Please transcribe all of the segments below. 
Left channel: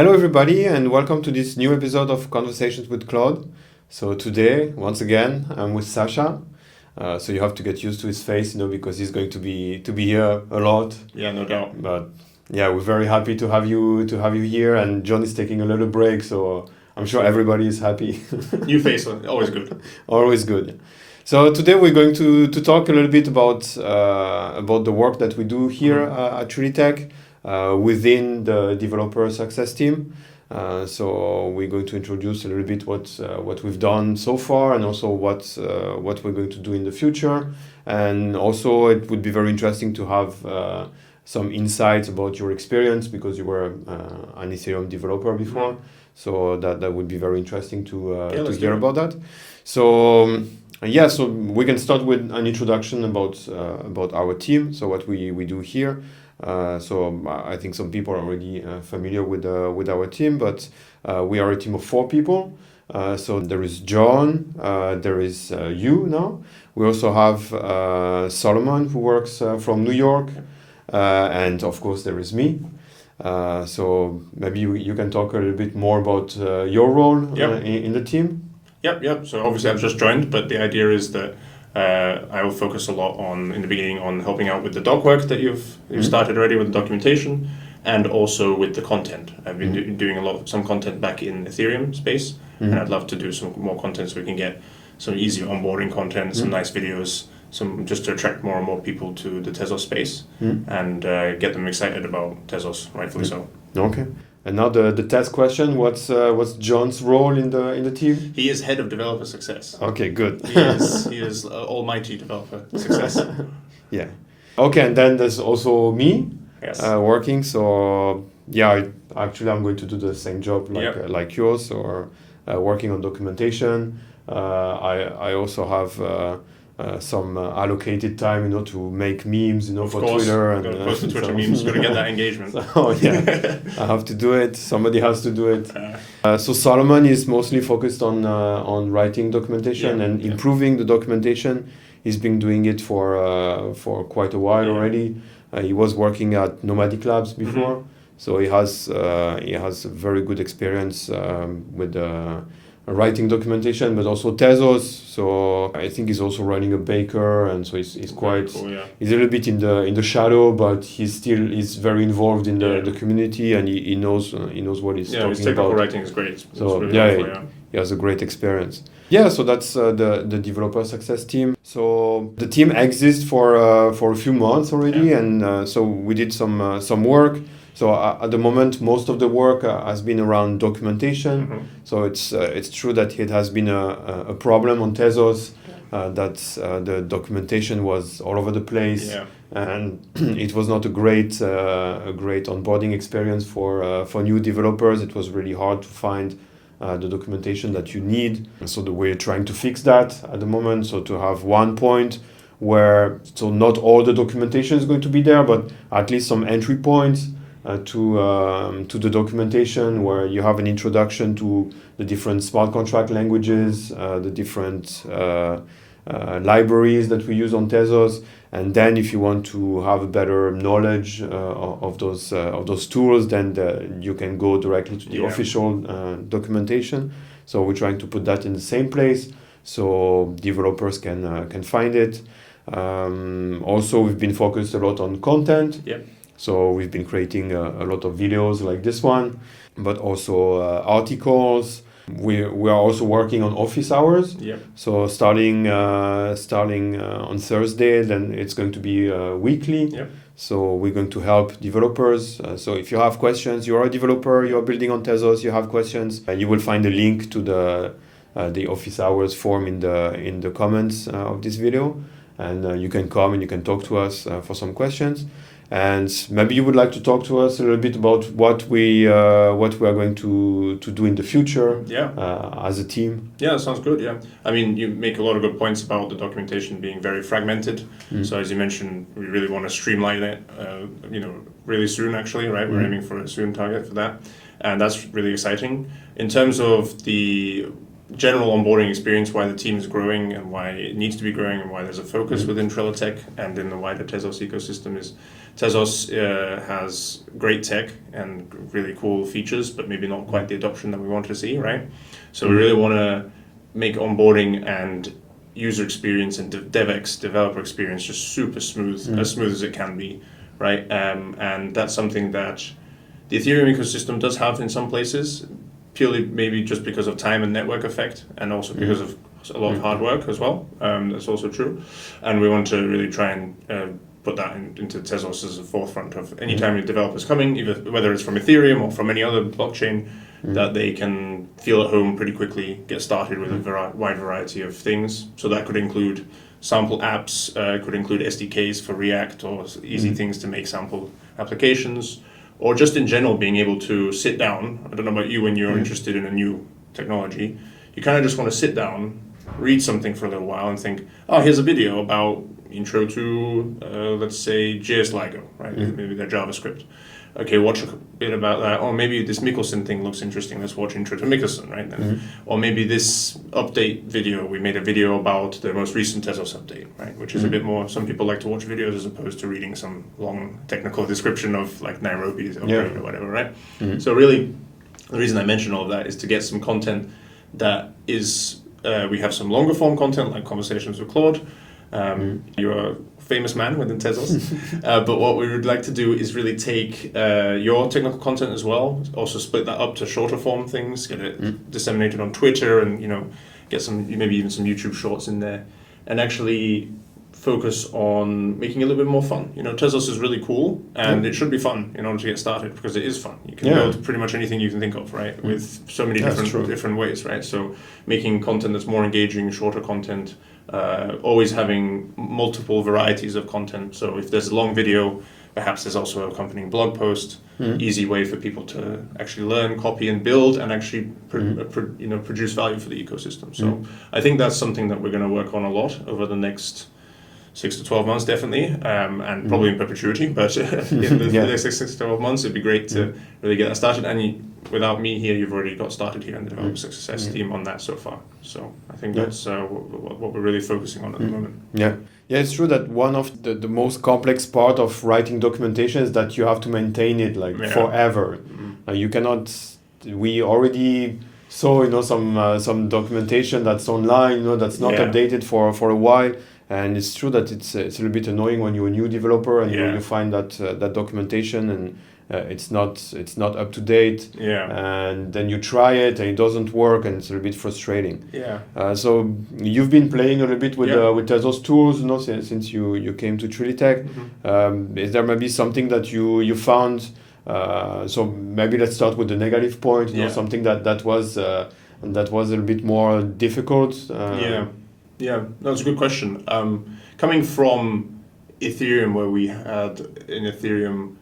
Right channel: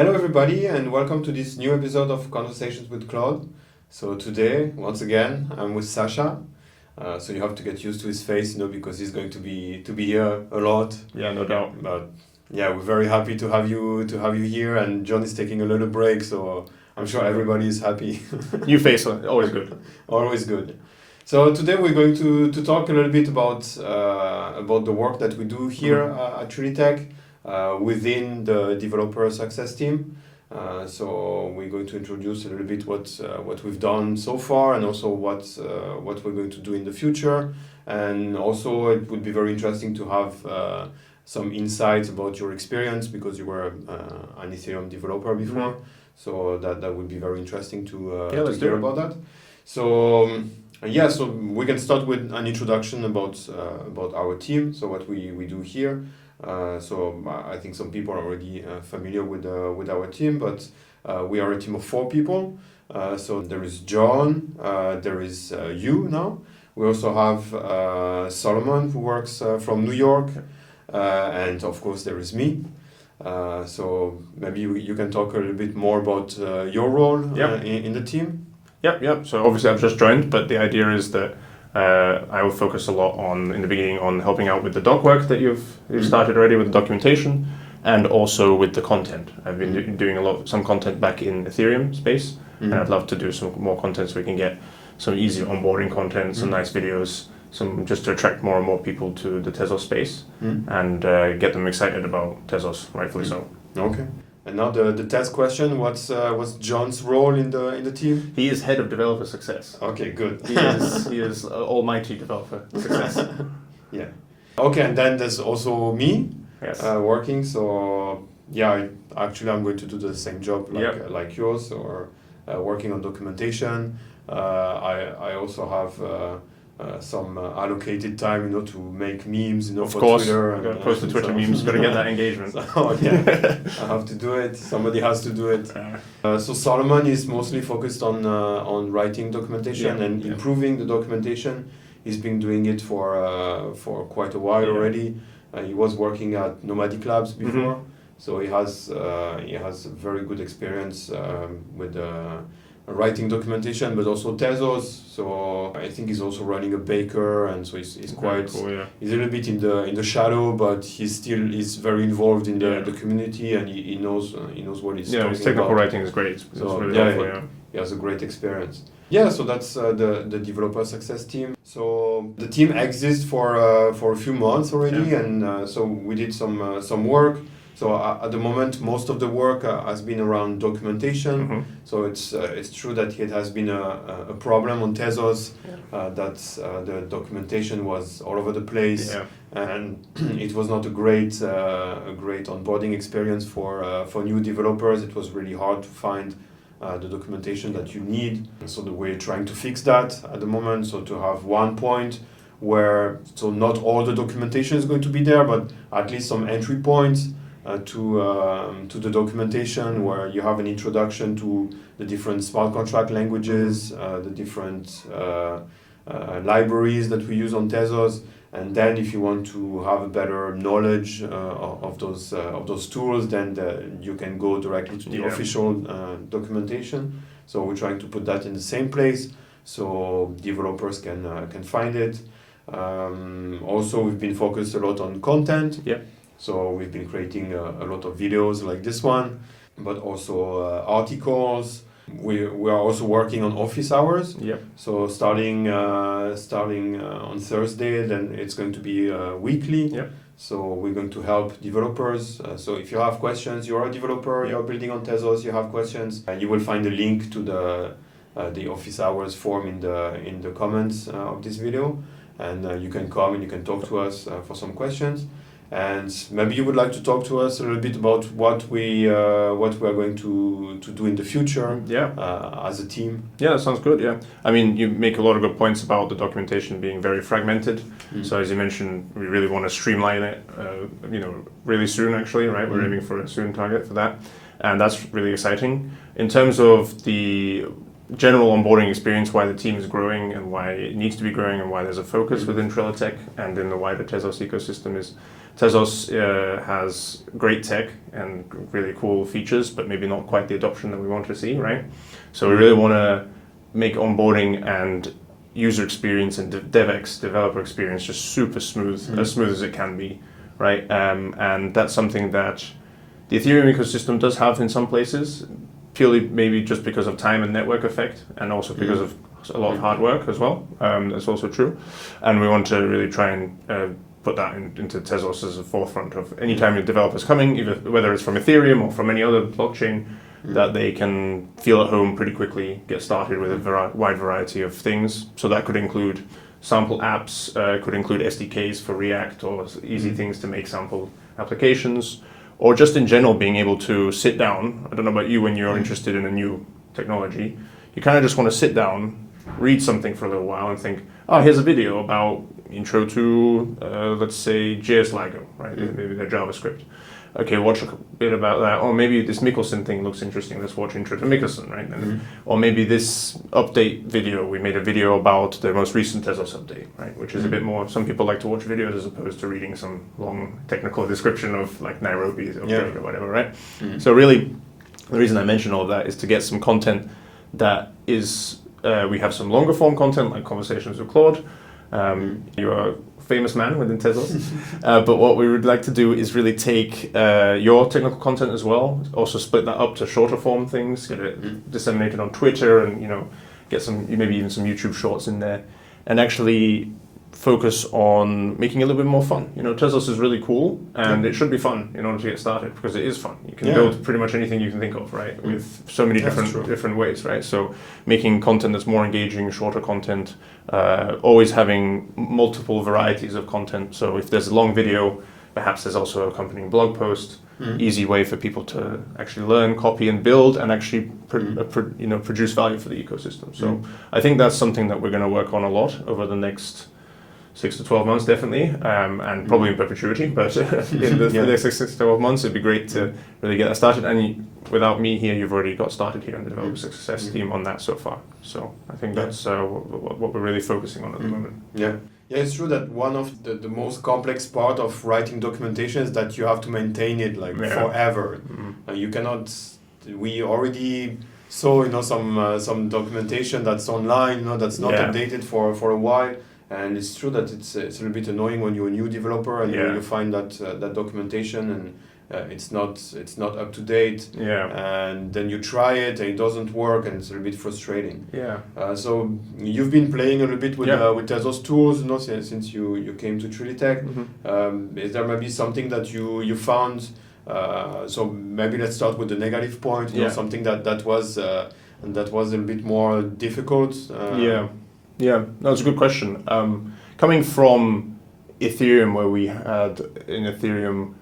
Hello everybody and welcome to this new episode of Conversations with Claude. So today, once again, I'm with Sasha. So you have to get used to his face, because he's going to be here a lot. Yeah, no doubt. But yeah, we're very happy to have you here, and John is taking a little break, so I'm sure everybody is happy. New face, always good. Always good. So today we're going to talk a little bit about the work that we do here at Trilitech within the developer success team. So we're going to introduce a little bit what we've done so far, and also what we're going to do in the future. And also it would be very interesting to have some insights about your experience, because you were an Ethereum developer before. So that would be very interesting to hear about that. So so we can start with an introduction about our team. So what we do here. So I think some people are already familiar with our team, but we are a team of 4 people. So there is John, there is you now. We also have Solomon, who works from New York, and of course there is me. So maybe you can talk a little bit more about your role in the team. Yep. So obviously I've just joined, but the idea is that I will focus a lot in the beginning on helping out with the doc work that you've started already with the documentation, and also with the content. I've been doing some content back in Ethereum space, and I'd love to do some more content so we can get some easy onboarding content, some nice videos, just to attract more and more people to the Tezos space and get them excited about Tezos, rightfully so. Okay. And now the test question: what's John's role in the team? He is head of developer success. Okay, good. He is almighty developer success. Yeah. Okay, and then there's also me. Yes. Working. So actually I'm going to do the same job like yours, or working on documentation. I also have some allocated time, to make memes, of for course, Twitter. Got to post the Twitter memes. Got to get that engagement. So I have to do it. Somebody has to do it. So Solomon is mostly focused on writing documentation and improving the documentation. He's been doing it for quite a while already. He was working at Nomadic Labs before, so he has very good experience with writing documentation, but also Tezos. So I think he's also running a baker, and so he's quite cool, he's a little bit in the shadow, but he's very involved in the community, and he knows what he's talking about. His technical writing is great. So really helpful, he has a great experience. Yeah, so that's the developer success team. So the team exists for a few months already, and so we did some work. So at the moment, most of the work has been around documentation. So it's true that it has been a problem on Tezos, that the documentation was all over the place, and it was not a great onboarding experience for new developers. It was really hard to find the documentation that you need. So we're trying to fix that at the moment. So to have one point where not all the documentation is going to be there, but at least some entry points to the documentation, where you have an introduction to the different smart contract languages, the different libraries that we use on Tezos, and then if you want to have a better knowledge of those tools, then you can go directly to the official documentation. So we're trying to put that in the same place so developers can find it. Also, we've been focused a lot on content. So we've been creating a lot of videos like this one, but also articles. We are also working on office hours. So starting on Thursday, then it's going to be weekly. So we're going to help developers. So if you have questions, you're a developer, you're building on Tezos, you have questions, you will find a link to the office hours form in the comments of this video, and you can come and you can talk to us for some questions. And maybe you would like to talk to us a little bit about what we are going to do in the future as a team. Yeah, sounds good. Yeah, I mean, you make a lot of good points about the documentation being very fragmented. So as you mentioned, we really want to streamline it. Really soon, actually, right? We're aiming for a soon target for that, and that's really exciting. In terms of the general onboarding experience, why the team is growing and why it needs to be growing and why there's a focus within Trilitech and in the wider Tezos ecosystem is Tezos has great tech and really cool features, but maybe not quite the adoption that we want to see, right? So we really want to make onboarding and user experience and DevX, developer experience, just super smooth, as smooth as it can be, right? And that's something that the Ethereum ecosystem does have in some places, purely maybe just because of time and network effect, and also because of a lot of hard work as well. That's also true. And we want to really try and put that into Tezos as a forefront of any time a developer's coming, either whether it's from Ethereum or from any other blockchain, that they can feel at home pretty quickly, get started with a wide variety of things. So that could include sample apps, could include SDKs for React or easy things to make sample applications, or just in general being able to sit down. I don't know about you, when you're interested in a new technology, you kind of just want to sit down, read something for a little while and think, oh, here's a video about intro to, let's say, JS LIGO, right? Maybe their JavaScript. Okay, watch a bit about that. Or maybe this Mikkelsen thing looks interesting. Let's watch intro to Mikkelsen, right? Or maybe this update video. We made a video about the most recent Tezos update, right? Which is a bit more. Some people like to watch videos as opposed to reading some long technical description of like Nairobi's update or whatever, right? So really, the reason I mention all of that is to get some content that is. We have some longer form content like conversations with Claude. You're a famous man within Tezos, but what we would like to do is really take your technical content as well, also split that up to shorter form things, get it disseminated on Twitter, and get some, maybe even some YouTube shorts in there, and actually focus on making it a little bit more fun. Tezos is really cool, and it should be fun in order to get started, because it is fun. You can build pretty much anything you can think of, right? With so many different ways, right? So making content that's more engaging, shorter content, always having multiple varieties of content. So if there's a long video, perhaps there's also an accompanying blog post. Easy way for people to actually learn, copy, and build, and actually produce value for the ecosystem. So I think that's something that we're going to work on a lot over the next 6 to 12 months, definitely, and probably in perpetuity, but in the next 6 to 12 months, it'd be great to really get that started. And without me here, you've already got started here in the developer success team on that so far. So I think that's what we're really focusing on at the moment. Yeah, it's true that one of the most complex part of writing documentation is that you have to maintain it forever. You cannot. We already saw some documentation that's online, that's not updated for a while. And it's true that it's a little bit annoying when you're a new developer and you find that documentation and it's not up to date. And then you try it and it doesn't work, and it's a little bit frustrating. So you've been playing a little bit with Tezos tools, since you came to Trilitech. Is there maybe something that you found? So maybe let's start with the negative point. Something that was a little bit more difficult. Yeah, that's a good question. Coming from Ethereum, where we had in Ethereum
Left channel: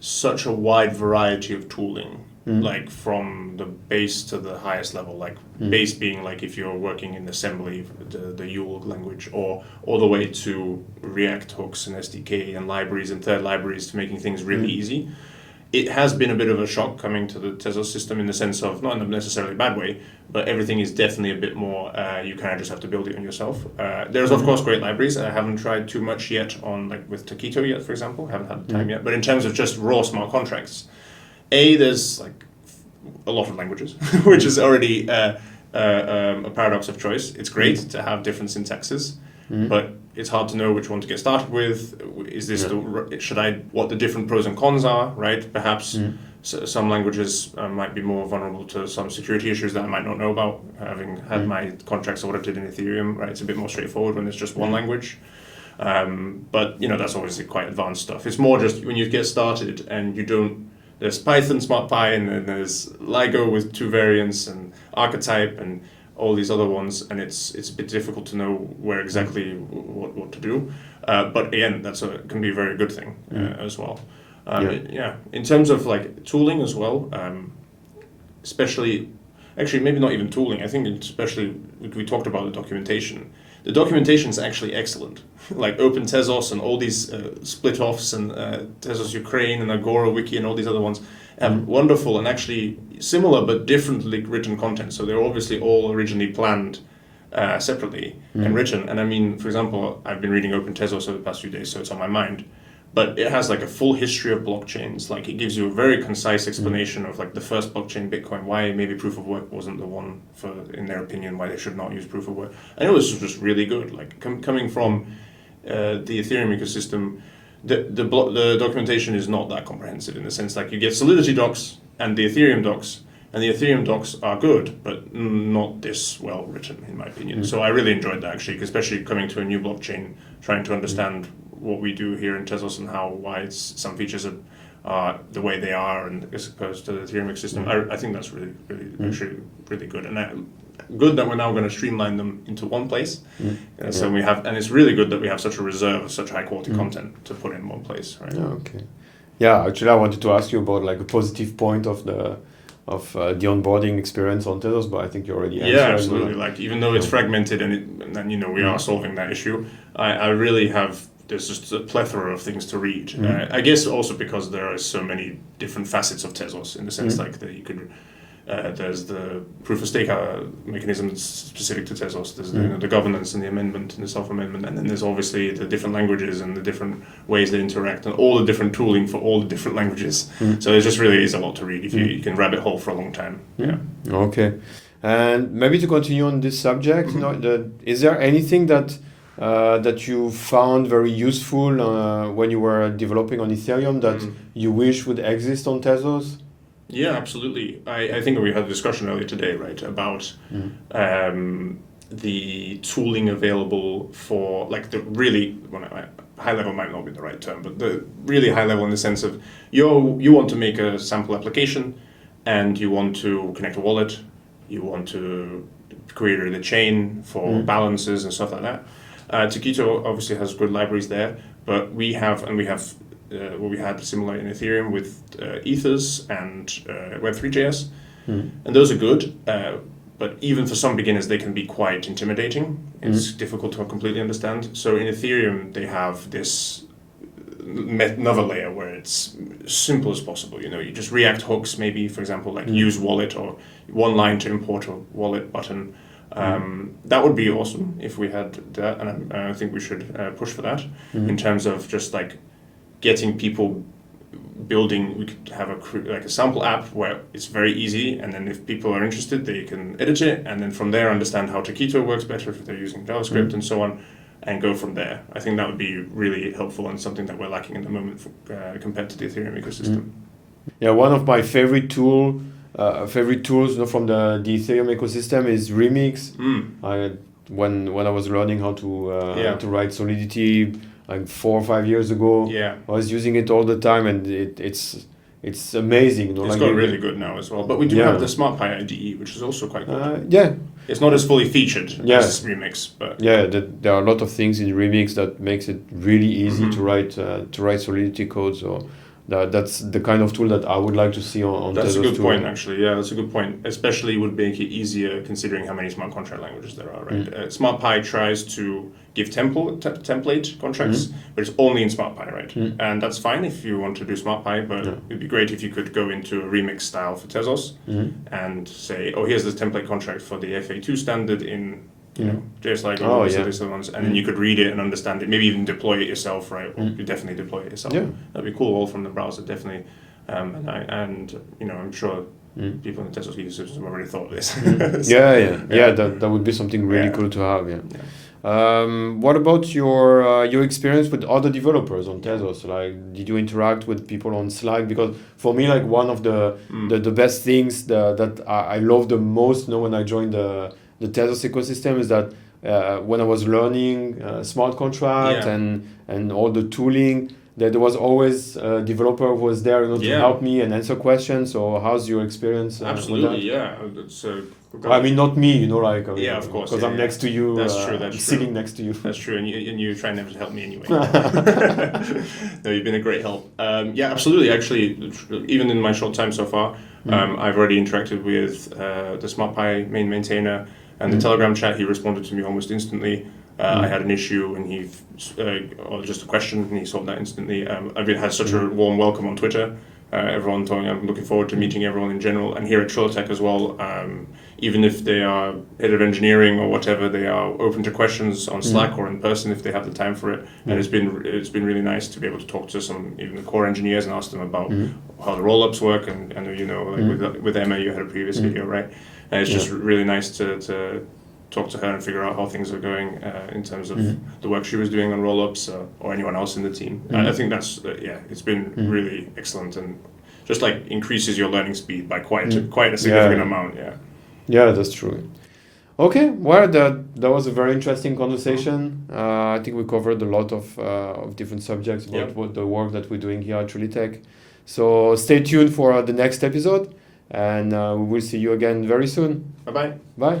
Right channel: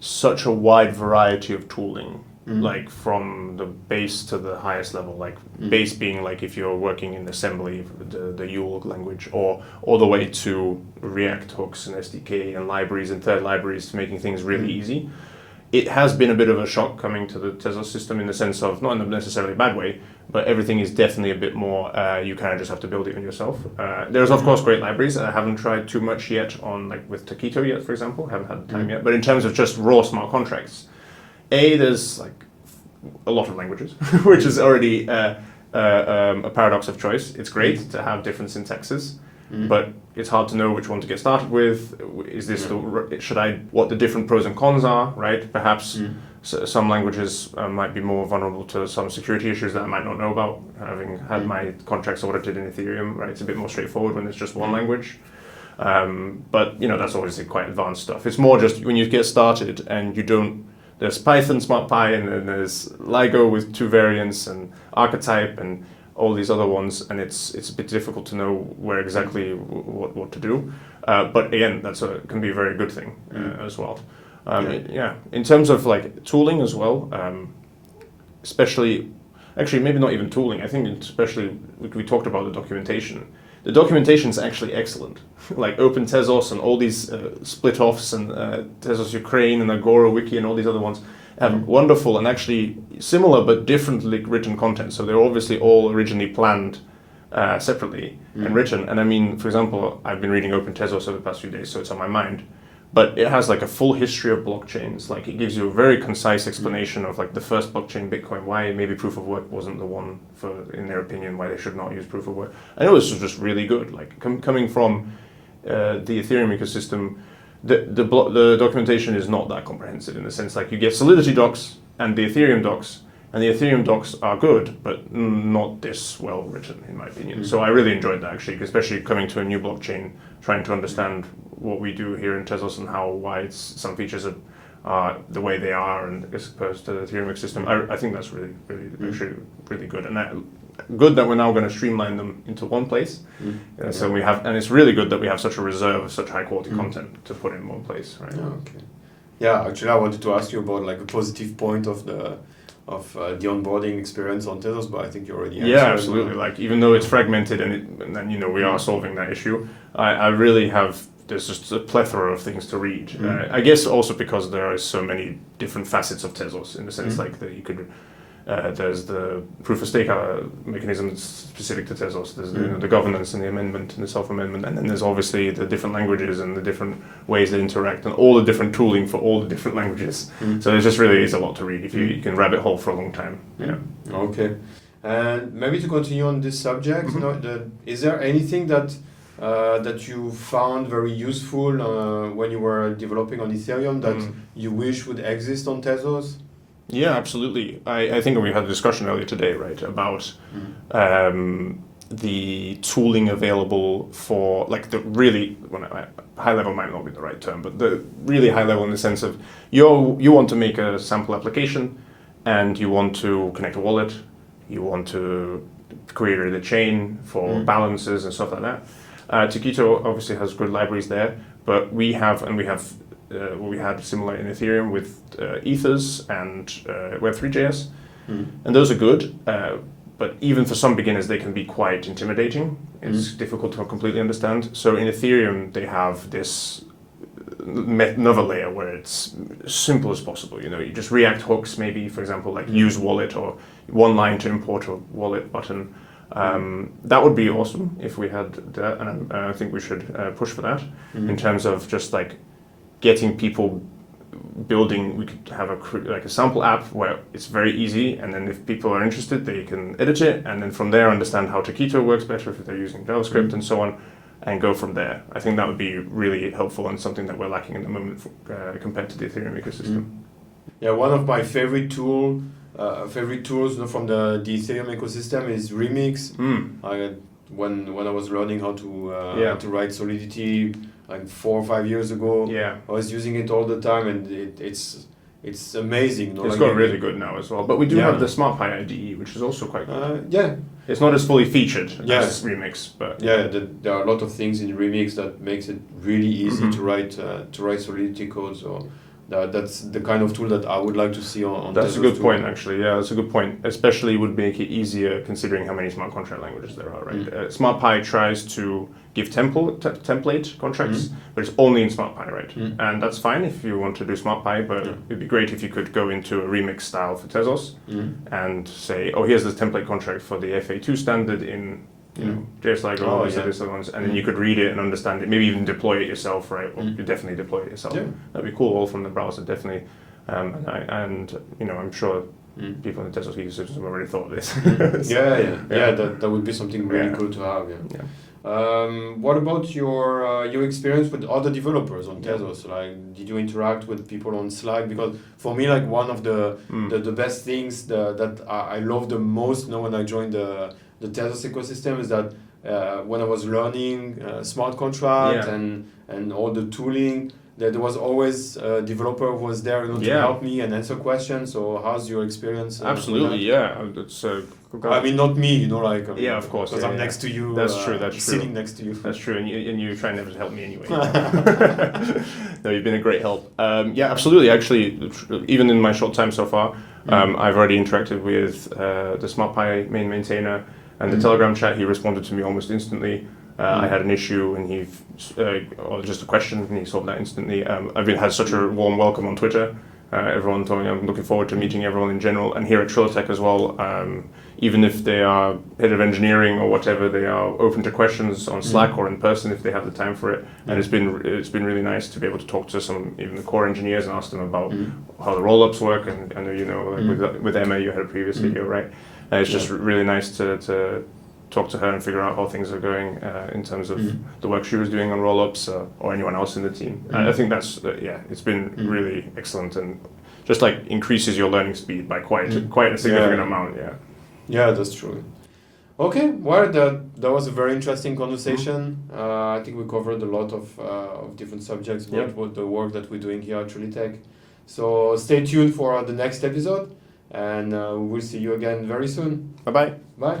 such a wide variety of tooling, like from the base to the highest level, like base being like if you're working in assembly, the Yule language, or all the way to React hooks and SDK and libraries and third libraries, making things really easy. It has been a bit of a shock coming to the Tezos system in the sense of, not in a necessarily bad way, but everything is definitely a bit more, you kind of just have to build it on yourself. There's of course great libraries. I haven't tried too much yet on with Taquito yet, for example. Haven't had the time yet. But in terms of just raw smart contracts, there's like a lot of languages, which is already a paradox of choice. It's great to have different syntaxes, but it's hard to know which one to get started with. Is this what the different pros and cons are, right? Perhaps some languages might be more vulnerable to some security issues that I might not know about, having had my contracts audited in Ethereum, right? It's a bit more straightforward when it's just one language. But that's obviously quite advanced stuff. It's more just when you get started and there's Python, SmartPy, and then there's LIGO with 2 variants and archetype and all these other ones, and it's a bit difficult to know where exactly what to do. But again, can be a very good thing as well. In terms of like tooling as well, especially, actually maybe not even tooling. I think especially we talked about the documentation. The documentation is actually excellent. Like Open Tezos and all these split offs and Tezos Ukraine and Agora Wiki and all these other ones. have wonderful and actually similar but differently written content. So they're obviously all originally planned separately and written. And I mean, for example, I've been reading Open Tezos over the past few days, so it's on my mind. But it has like a full history of blockchains. Like it gives you a very concise explanation of like the first blockchain, Bitcoin, why maybe proof of work wasn't the one for, in their opinion, why they should not use proof of work. And it was just really good. Like coming from the Ethereum ecosystem, the documentation is not that comprehensive in the sense like you get Solidity docs and the Ethereum docs, and the Ethereum docs are good, but not this well written, in my opinion. So I really enjoyed that actually, especially coming to a new blockchain, trying to understand what we do here in Tezos and why some features are the way they are, and as opposed to the Ethereum system. I think that's really actually really good, and good that we're now going to streamline them into one place. So we have, and it's really good that we have such a reserve of such high quality content to put in one place. Right? Okay. Yeah, actually, I wanted to ask you about like a positive point of the onboarding experience on Tezos, but I think you already answered. Yeah, absolutely. Like even though it's fragmented and then we are solving that issue, I really have. There's just a plethora of things to read. I guess also because there are so many different facets of Tezos in the sense like that you could. There's the proof of stake mechanism that's specific to Tezos. There's the governance and the amendment and the self-amendment, and then there's obviously the different languages and the different ways they interact and all the different tooling for all the different languages. So it just really is a lot to read if you can rabbit hole for a long time. Yeah. Okay, and maybe to continue on this subject, is there anything that you found very useful when you were developing on Ethereum that you wish would exist on Tezos? Yeah, absolutely. I think we had a discussion earlier today, right, about the tooling available for like the really high level might not be the right term, but the really high level in the sense of you want to make a sample application and you want to connect a wallet, you want to create a chain for balances and stuff like that. Taquito obviously has good libraries there, but we have what we had similar in Ethereum with Ethers and Web3.js, and those are good. But even for some beginners, they can be quite intimidating. It's difficult to completely understand. So in Ethereum, they have this another layer where it's as simple as possible. You just React hooks, maybe, for example, like use wallet or one line to import a wallet button. That would be awesome if we had that, and I think we should push for that in terms of just like getting people building. We could have a sample app where it's very easy, and then if people are interested, they can edit it, and then from there understand how Taquito works better if they're using JavaScript and so on, and go from there. I think that would be really helpful and something that we're lacking at the moment compared to the Ethereum ecosystem. Yeah, one of my favorite tools from the Ethereum ecosystem is Remix. When I was learning how to write Solidity like 4 or 5 years ago, I was using it all the time, and it's amazing. It's got really good now as well. But we do have the SmartPy IDE, which is also quite good. It's not as fully featured as Remix, but there are a lot of things in Remix that makes it really easy to write Solidity code. So that's the kind of tool that I would like to see on That's Tezos a good too. point, actually. Yeah, that's a good point. Especially would make it easier considering how many smart contract languages there are, right? SmartPy tries to give template contracts, but it's only in SmartPy, right? And that's fine if you want to do SmartPy, but it'd be great if you could go into a Remix style for Tezos and say, oh, here's the template contract for the FA2 standard in just like these ones, and then you could read it and understand it, maybe even deploy it yourself, right? Well, you definitely deploy it yourself. That'd be cool, all from the browser, definitely. And I'm sure people in the Tezos ecosystem have already thought of this. That would be something really cool to have. What about your experience with other developers on Tezos? Like, did you interact with people on Slack? Because for me, like one of the best things that I love the most when I joined the Tezos ecosystem is that when I was learning smart contract and all the tooling, that there was always a developer who was there to help me and answer questions. So how's your experience? Absolutely, It's I mean, not me, of course, because I'm next to you. That's true. Sitting next to you. That's true, and you try never to help me anyway. No, you've been a great help. Absolutely. Actually, even in my short time so far, I've already interacted with the SmartPy main maintainer and the Telegram chat. He responded to me almost instantly. I had an issue and or just a question, and he solved that instantly. I've had such a warm welcome on Twitter everyone talking. I'm looking forward to meeting everyone in general, and here at Trilitech as well. Even if they are head of engineering or whatever, they are open to questions on Slack or in person if they have the time for it. And it's been really nice to be able to talk to some even the core engineers and ask them about how the roll-ups work. And I know with Emma you had a previous video, right? It's just really nice to talk to her and figure out how things are going in terms of the work she was doing on roll-ups or anyone else in the team. I think that's it's been really excellent and just like increases your learning speed by quite a significant amount. Yeah, that's true. Okay, well, that was a very interesting conversation. I think we covered a lot of different subjects about what the work that we're doing here at Trilitech. So stay tuned for the next episode, and we will see you again very soon. Bye-bye. Bye.